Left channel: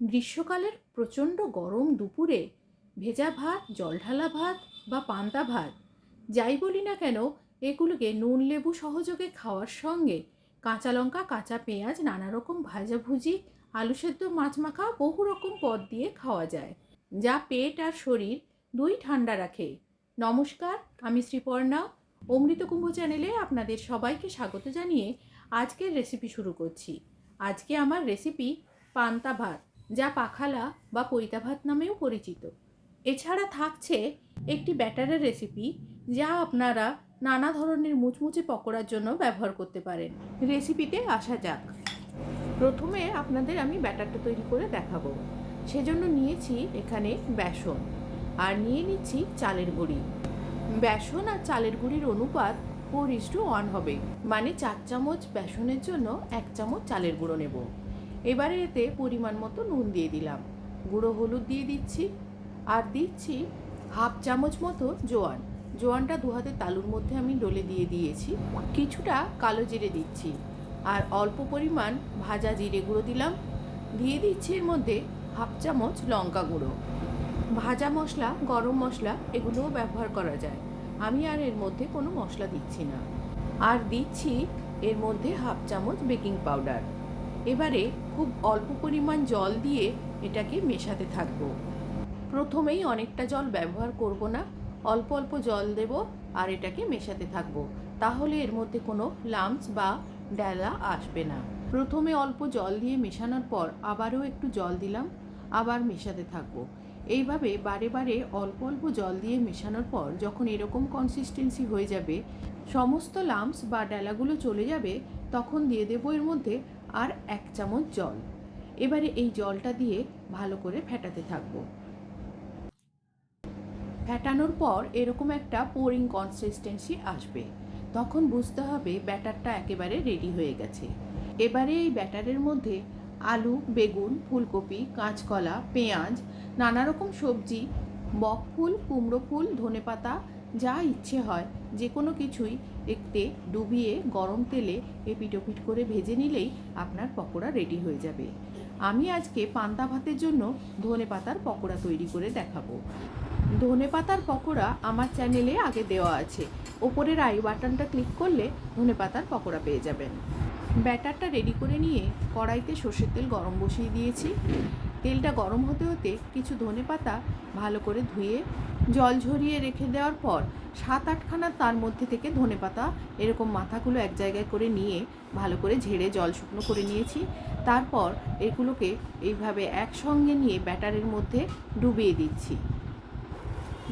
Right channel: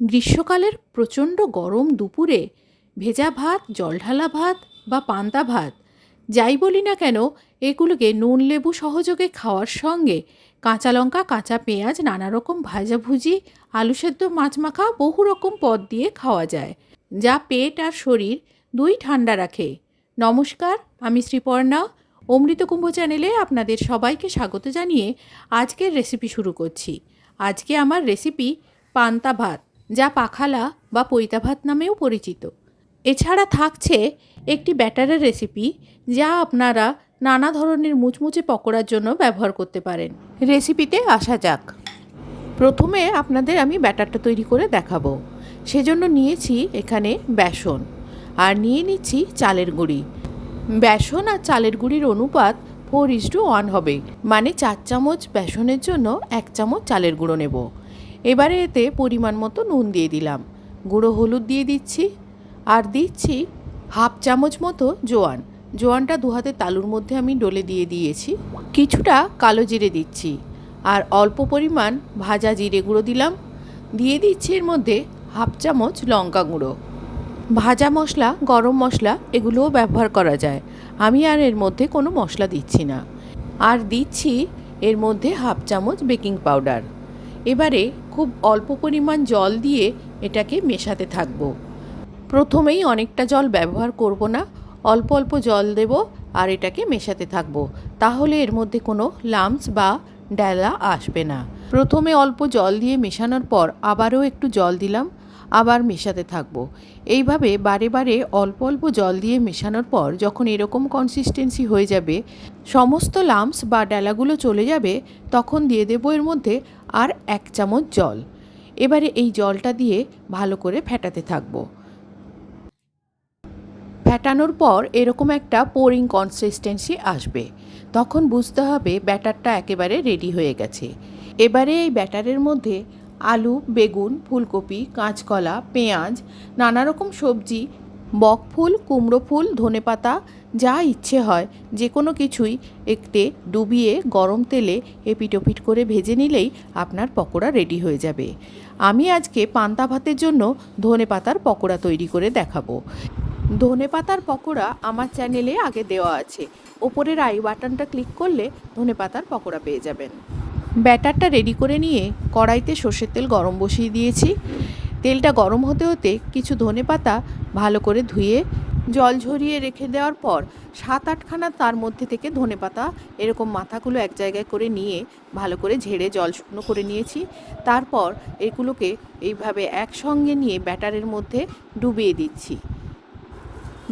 গ্রীষ্মকালের প্রচণ্ড গরম দুপুরে ভেজা ভাত, জলঢালা ভাত বা পান্তা ভাত যাই বলি না কেন, এগুলোকে নুন লেবু সহযোগে খাওয়ার সঙ্গে কাঁচা লঙ্কা, কাঁচা পেঁয়াজ, নানা রকম ভাজাভুজি, আলু সেদ্ধ, মাছ মাখা, বহু রকম পদ দিয়ে খাওয়া যায়, যা পেট আর শরীর দুই ঠান্ডা রাখে। নমস্কার, আমি শ্রীপর্ণা। অমৃতকুম্ভ চ্যানেলে আপনাদের সবাইকে স্বাগত জানিয়ে আজকের রেসিপি শুরু করছি। আজকে আমার রেসিপি পান্তা ভাত, যা পাখালা বা পৈতা ভাত নামেও পরিচিত। এছাড়া থাকছে একটি ব্যাটারের রেসিপি, যা আপনারা নানা ধরনের মুচমুচে পকোড়ার জন্য ব্যবহার করতে পারেন। রেসিপিতে আসা যাক। প্রথমে আপনাদের আমি ব্যাটারটা তৈরি করে দেখাবো। সেজন্য নিয়েছি এখানে বেসন, আর নিয়ে নিচ্ছি চালের গুঁড়ি। বেসন আর চালের গুঁড়ির অনুপাত 4:1 হবে, মানে 4 চামচ বেসনের জন্য 1 চামচ চালের গুঁড়ো নেব। এবারে এতে পরিমাণ মতো নুন দিয়ে দিলাম, গুঁড়ো হলুদ দিয়ে দিচ্ছি, আর দিচ্ছি হাফ চামচ মতো জোয়ান। জোয়ানটা 2 হাতের তালুর মধ্যে আমি ডলে দিয়ে দিয়েছি। কিছুটা কালো জিরে দিচ্ছি, আর অল্প পরিমাণ ভাজা জিরে গুঁড়ো দিলাম। দিয়ে দিচ্ছি এর মধ্যে হাফ চামচ লঙ্কা গুঁড়ো। ভাজা মশলা, গরম মশলা এগুলোও ব্যবহার করা যায়, আমি আর এর মধ্যে কোনো মশলা দিচ্ছি না। আর দিচ্ছি এর মধ্যে হাফ চামচ বেকিং পাউডার। এবারে খুব অল্প পরিমাণ জল দিয়ে এটাকে মেশাতে থাকবো। প্রথমেই অনেকটা জল ব্যবহার করব না, অল্প অল্প জল দেব আর এটাকে মেশাতে থাকবো। তাহলে এর মধ্যে কোনো লাম্পস বা ডেলা আসবে না। প্রথমে অল্প জল দিয়ে মেশানোর পর আবারও একটু জল দিলাম, আবার মেশাতে থাকবো। এইভাবে বারে বারে অল্প অল্প জল দিয়ে মেশানোর পর যখন এরকম কনসিস্টেন্সি হয়ে যাবে, সমস্ত লাম্পস বা ডেলাগুলো চলে যাবে, তখন দিয়ে দেবো এর মধ্যে আর 1 চামচ জল। এবারে এই জলটা দিয়ে ভালো করে ফেটাতে থাকবো। ফেটানোর পর এরকম একটা পোরিং কনসিস্টেন্সি আসবে, তখন বুঝতে হবে ব্যাটারটা একেবারে রেডি হয়ে গেছে। এবারে এই ব্যাটারের মধ্যে আলু, বেগুন, ফুলকপি, কাঁচকলা, পেঁয়াজ, নানা রকম সবজি, বকফুল, কুমড়ো ফুল, ধনেপাতা, যা ইচ্ছে হয় যে কোনো কিছুই একটু ডুবিয়ে গরম তেলে এপিট ওপিট করে ভেজে নিলেই আপনার পকোড়া রেডি হয়ে যাবে। আমি আজকে পান্তা ভাতের জন্য ধনেপাতার পকোড়া তৈরি করে দেখাবো। ধনেপাতার পকোড়া আমার চ্যানেলে আগে দেওয়া আছে, ওপরের আই বাটনটা ক্লিক করলে ধনেপাতার পকোড়া পেয়ে যাবেন। ব্যাটারটা রেডি করে নিয়ে কড়াইতে সর্ষের তেল গরম বসিয়ে দিয়েছি। তেলটা গরম হতে হতে কিছু ধনেপাতা ভালো করে ধুয়ে জল ঝরিয়ে রেখে দেওয়ার পর 7-8খানা তার মধ্যে থেকে ধনেপাতা এরকম মাথাগুলো এক জায়গায় করে নিয়ে ভালো করে ঝেড়ে জল শুকনো করে নিয়েছি। তারপর এগুলোকে এইভাবে একসঙ্গে নিয়ে ব্যাটারের মধ্যে ডুবিয়ে দিচ্ছি।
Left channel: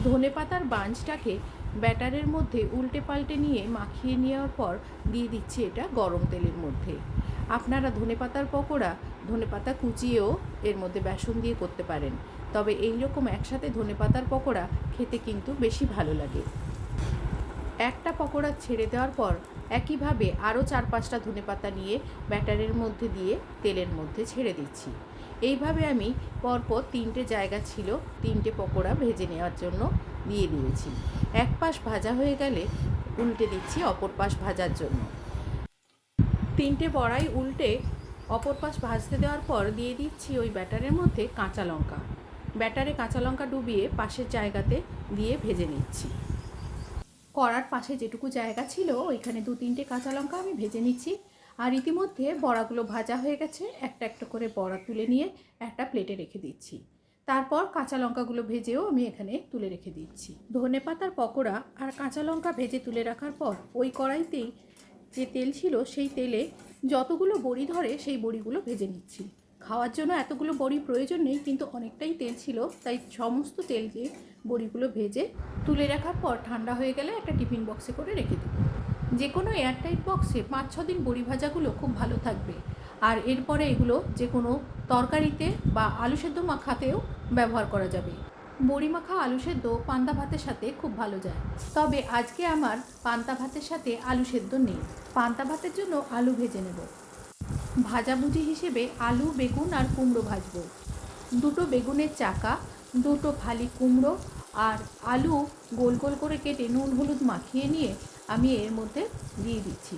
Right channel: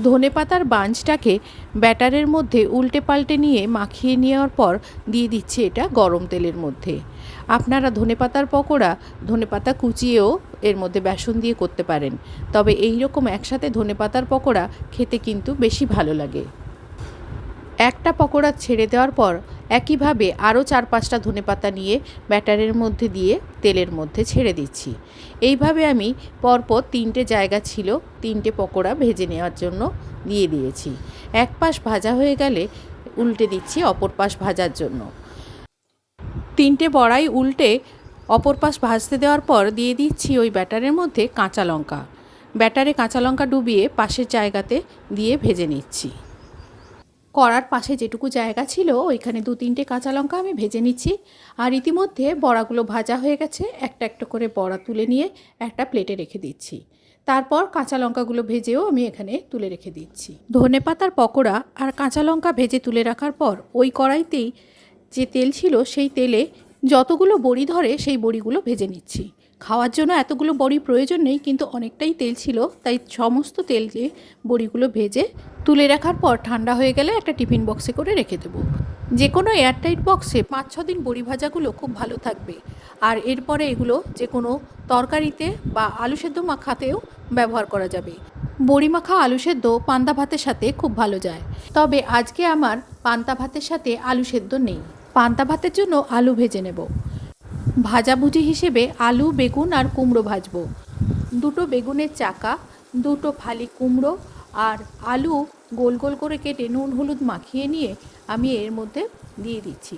ধনেপাতার বাঞ্চটাকে ব্যাটারের মধ্যে উল্টে পাল্টে নিয়ে মাখিয়ে নেওয়ার পর দিয়ে দিচ্ছি এটা গরম তেলের মধ্যে। আপনারা ধনেপাতার পকোড়া ধনেপাতা কুচিয়েও এর মধ্যে বেসন দিয়ে করতে পারেন, তবে এই রকম একসাথে ধনেপাতার পকোড়া খেতে কিন্তু বেশি ভালো লাগে। একটা পকোড়া ছেড়ে দেওয়ার পর একইভাবে আরও 4-5টা ধনেপাতা নিয়ে ব্যাটারের মধ্যে দিয়ে তেলের মধ্যে ছেড়ে দিচ্ছি। এইভাবে আমি পরপর 3টে জায়গা ছিল 3টে পকোড়া ভেজে নেওয়ার জন্য দিয়ে দিয়েছি। এক পাশ ভাজা হয়ে গেলে উল্টে দিচ্ছি অপর পাশ ভাজার জন্য। 3টে বড়াই উল্টে অপর পাশ ভাজতে দেওয়ার পর দিয়ে দিচ্ছি ওই ব্যাটারের মধ্যে কাঁচা লঙ্কা। ব্যাটারে কাঁচা লঙ্কা ডুবিয়ে পাশের জায়গাতে দিয়ে ভেজে নিচ্ছি। কড়ার পাশে যেটুকু জায়গা ছিল ওইখানে 2-3টে কাঁচা লঙ্কা আমি ভেজে নিচ্ছি। আর ইতিমধ্যে বড়াগুলো ভাজা হয়ে গেছে, একটা একটা করে বড়া তুলে নিয়ে একটা প্লেটে রেখে দিচ্ছি। তারপর কাঁচা লঙ্কাগুলো ভেজেও আমি এখানে তুলে রেখে দিচ্ছি। ধনেপাতার পকোড়া আর কাঁচা লঙ্কা ভেজে তুলে রাখার পর ওই কড়াইতেই যে তেল ছিল সেই তেলে যতগুলো বড়ি ধরে সেই বড়িগুলো ভেজে নিচ্ছি। খাওয়ার জন্য এতগুলো বড়ি প্রয়োজন নেই, কিন্তু অনেকটাই তেল ছিল, তাই সমস্ত তেলে বড়িগুলো ভেজে তুলে রাখার পর ঠান্ডা হয়ে গেলে একটা টিফিন বক্সে করে রেখে দেবো। যে কোনো এয়ারটাইট বক্সে 5-6 দিন বড়ি ভাজাগুলো খুব ভালো থাকবে। আর এরপরে এগুলো যে কোনো তরকারিতে বা আলু সেদ্ধ মাখাতেও ব্যবহার করা যাবে। বড়ি মাখা আলু সেদ্ধ পান্তা ভাতের সাথে খুব ভালো যায়, তবে আজকে আমার পান্তা ভাতের সাথে আলু সেদ্ধ নেই। পান্তা ভাতের জন্য আলু ভেজে নেব। ভাজাভুজি হিসেবে আলু, বেগুন আর কুমড়ো ভাজবো। 2টো বেগুনের চাকা, 2টো ফালি কুমড়ো আর আলু গোল গোল করে কেটে নুন হলুদ মাখিয়ে নিয়ে আমি এর মধ্যে দিয়ে দিচ্ছি।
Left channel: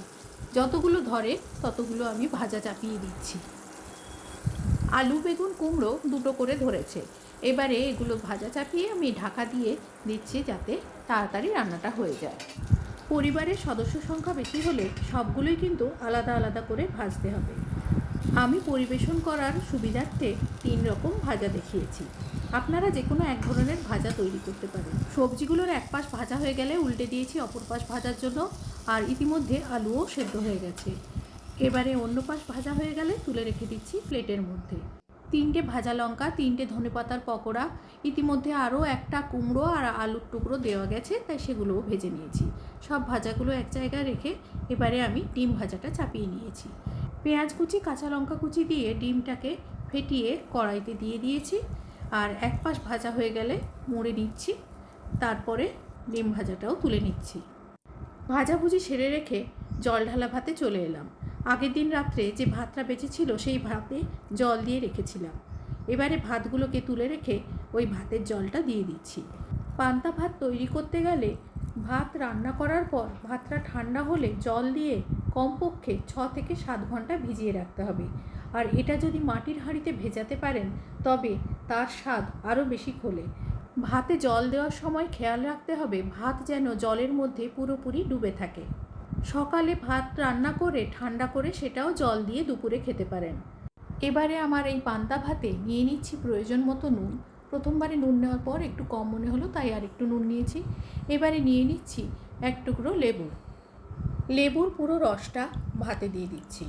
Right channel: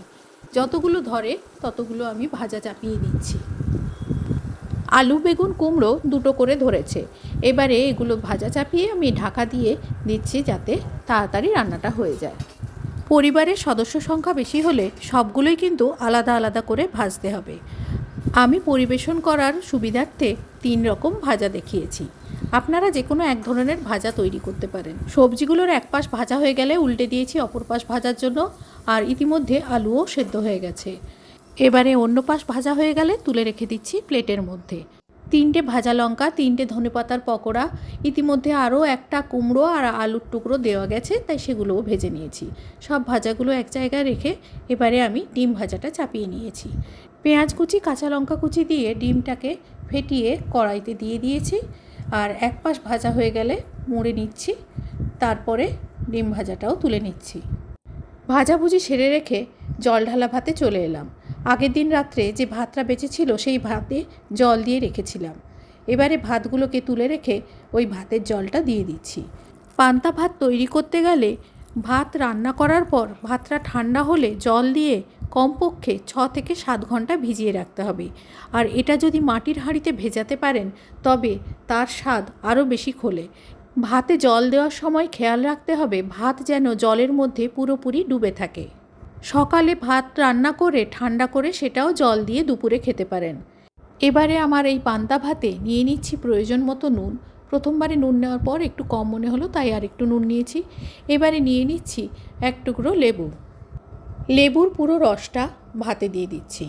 যতগুলো ধরে ততগুলো আমি ভাজা চাপিয়ে দিচ্ছি। আলু বেগুন কুমড়ো দুটো করে ধরেছে। এবারে এগুলো ভাজা চাপিয়ে আমি ঢাকা দিয়ে দিচ্ছি যাতে তাড়াতাড়ি রান্নাটা হয়ে যায়। পরিবারের সদস্য সংখ্যা বেশি হলে সবগুলোই কিন্তু আলাদা আলাদা করে ভাজতে হবে। আমি পরিবেশন করার সুবিধার্থে 3 রকম ভাজা দেখিয়েছি। আপনারা যে কোনো এক ধরনের ভাজা তৈরি করতে পারেন। সবজিগুলোর এক পাশ ভাজা হয়ে গেলে উল্টে দিয়েছি অপর পাশ ভাজার জন্য, আর ইতিমধ্যে আলুও সেদ্ধ হয়ে গেছে। এবারে অন্য পাশ ভাজা হয়ে গেলে তুলে রেখে দিচ্ছি প্লেটের মধ্যে। 3টে ভাজা লঙ্কা, 3টে ধনেপাতার পকোড়া, ইতিমধ্যে আরও একটা কুমড়ো আর আলুর টুকরো দেওয়া গেছে, তাই সেগুলোও ভেজে নিয়েছি। সব ভাজাগুলো এক জায়গায় রেখে এবারে আমি ডিম ভাজাটা চাপিয়ে নিয়েছি। পেঁয়াজ কুচি কাঁচা লঙ্কা কুচি দিয়ে ডিমটাকে ফেটিয়ে কড়াইতে দিয়ে দিয়েছি, আর এক পাশ ভাজা হয়ে গেলে মুড়ে নিচ্ছি, তারপরে ডিম ভাজাটাও তুলে নিচ্ছি। ভাজাভুজি সেরে রেখে জল ঢালা ভাতে চলে এলাম। আগের দিন রাত্রে যে ভাতটা বেঁচেছিল সেই ভাতে জল দিয়ে রেখেছিলাম। এবারে ভাতগুলোকে তুলে রেখে ওই ভাতের জলটা দিয়ে দিচ্ছি। পান্তা ভাত তৈরি করতে গেলে ভাত রান্না করার পর ভাতটা ঠান্ডা হলে জল দিয়ে কমপক্ষে 6 থেকে 7 ঘন্টা ভিজিয়ে রাখতে হবে। আর এটা যদি মাটির হাঁড়িতে ভেজাতে পারেন তবে তার স্বাদ আরও বেশি খোলে। ভাতে জল দেওয়ার সময় খেয়াল রাখতে হবে ভাত যেন জলের মধ্যে পুরোপুরি ডুবে থাকে। সকালে ভাত রান্না করে ঠান্ডা করে সেটাও জল দিয়ে দুপুরে খেতে পারেন। এবারে আমার এই পান্তা ভাতে নিয়ে নিচ্ছি প্রয়োজন মতো নুন। প্রথমবারে নুন নেওয়ার পর একটু কম মনে হলো, তাই আর একটু নুন নিয়েছি। এবারে নিয়ে নিচ্ছি এক টুকরো লেবু। লেবুর পুরো রসটা ভাতে দিয়ে দিচ্ছি।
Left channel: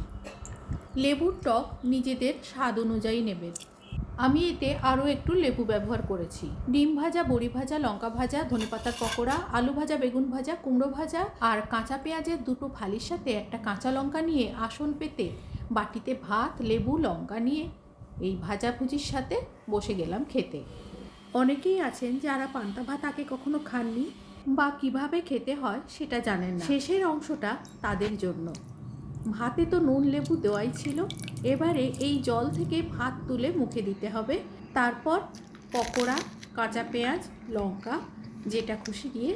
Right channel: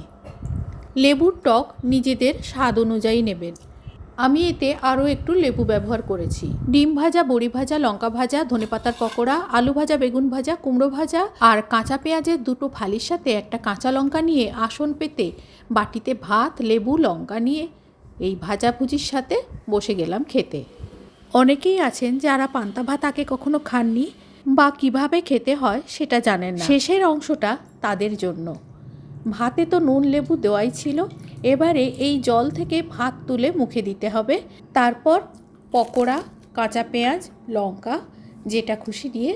লেবুর টক নিজেদের স্বাদ অনুযায়ী নেবেন। আমি এতে আরও একটু লেবু ব্যবহার করেছি। ডিম ভাজা, বড়ি ভাজা, লঙ্কা ভাজা, ধনেপাতার পকোড়া, আলু ভাজা, বেগুন ভাজা, কুমড়ো ভাজা আর কাঁচা পেঁয়াজের 2টো ফালির সাথে একটা কাঁচা লঙ্কা নিয়ে আসন পেতে বাটিতে ভাত, লেবু, লঙ্কা নিয়ে এই ভাজাভুজির সাথে বসে গেলাম খেতে। অনেকেই আছেন যারা পান্তা ভাত আগে কখনো খাননি বা কিভাবে খেতে হয় সেটা জানেন না। শেষের অংশটা তাদের জন্য। ভাতে তো নুন লেবু দেওয়াই ছিল, এবারে এই জল থেকে ভাত তুলে মুখে দিতে হবে। তারপর পকোড়া, কাঁচা পেঁয়াজ, লঙ্কা যেটা খুশি দিয়ে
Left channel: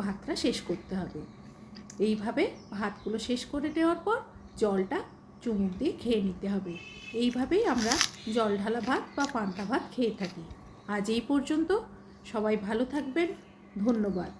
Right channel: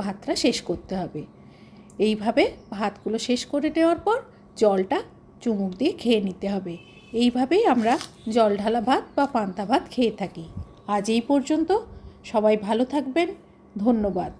ভাতটা শেষ করতে হবে। এইভাবে ভাতগুলো শেষ করে নেওয়ার পর জলটা চুমুক দিয়ে খেয়ে নিতে হবে। এইভাবেই আমরা জল ঢালা ভাত বা পান্তা ভাত খেয়ে থাকি। আজ এই পর্যন্ত। সবাই ভালো থাকবেন। ধন্যবাদ।